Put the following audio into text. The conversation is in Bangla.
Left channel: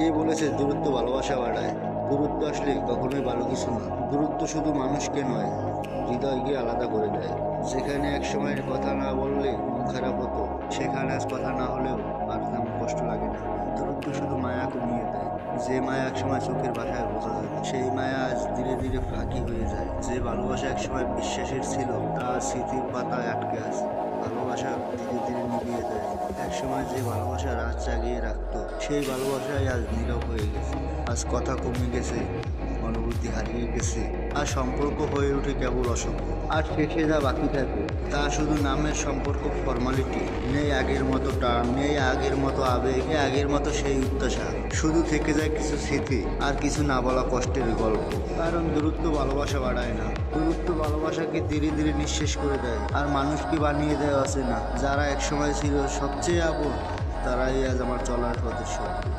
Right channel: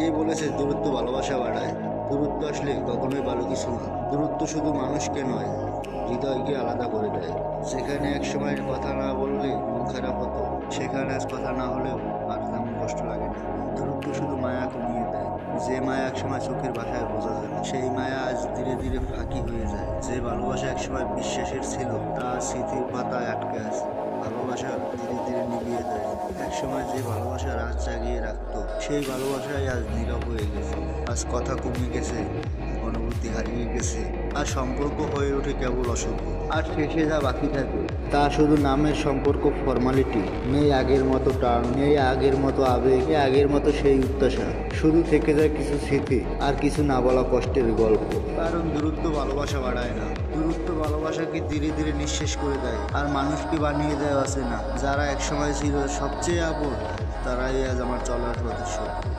কে বলেছে দূরত্ব ভালোবাসা বাড়ায়? দূরত্ব আসলে কখনোই ভালো কিছু না। দূরত্ব শুধু মানুষকে নয়, হৃদয়কে আলাদা করে দেয়। যেখানে একসময় কথা না বললে মন খারাপ হতো, সেখানে আজ কথা না হলেও আর তেমন কষ্ট লাগে না। দূরত্ব শুধু মায়া কমিয়ে দেয়। যে মায়া একসময় চোখের ভাষায় বোঝা যেত, সেই মায়া আজ ধীরে ধীরে ফাঁকি হয়ে যায়। যে ভালোবাসা একসময় বিশ্বাসের ছিল, তা আজ স্মৃতির পাতায় আটকে আছে। ভালোবাসা ধীরে ধীরে নিভিয়ে দেয়। একসময় যে ভালোবাসা রাত জাগিয়ে রাখতো, সেই ভালোবাসাই আজ নীরব হয়ে গেছে। আজ কথা কমে গেছে, অনুভূতি হারিয়ে গেছে, আর সম্পর্ক হয়ে ওঠে কেবল অসভ্য। আর শেষে যা বাকি থাকে তা শুধু নামের সম্পর্ক, ফর্মালিটি। নেই আগের মতো টান, নেই আগের মতো আবেগ, নেই আগের মতো সেই উত্তেজনা। শুধু থেকে যায় কিছু স্মৃতি আর কিছু না বলা কষ্টের গল্প। কারণ দূরত্ব ভালোবাসা বাড়ায় না, দূরত্ব ভালোবাসাকে ধীরে ধীরে নিঃশেষ করে দেয়। আর মানুষকে বানিয়ে দেয় আছে না। যারা একসময় ছিল সবচেয়ে আপন, তারাই আজ আমার চলার পথের শত্রু।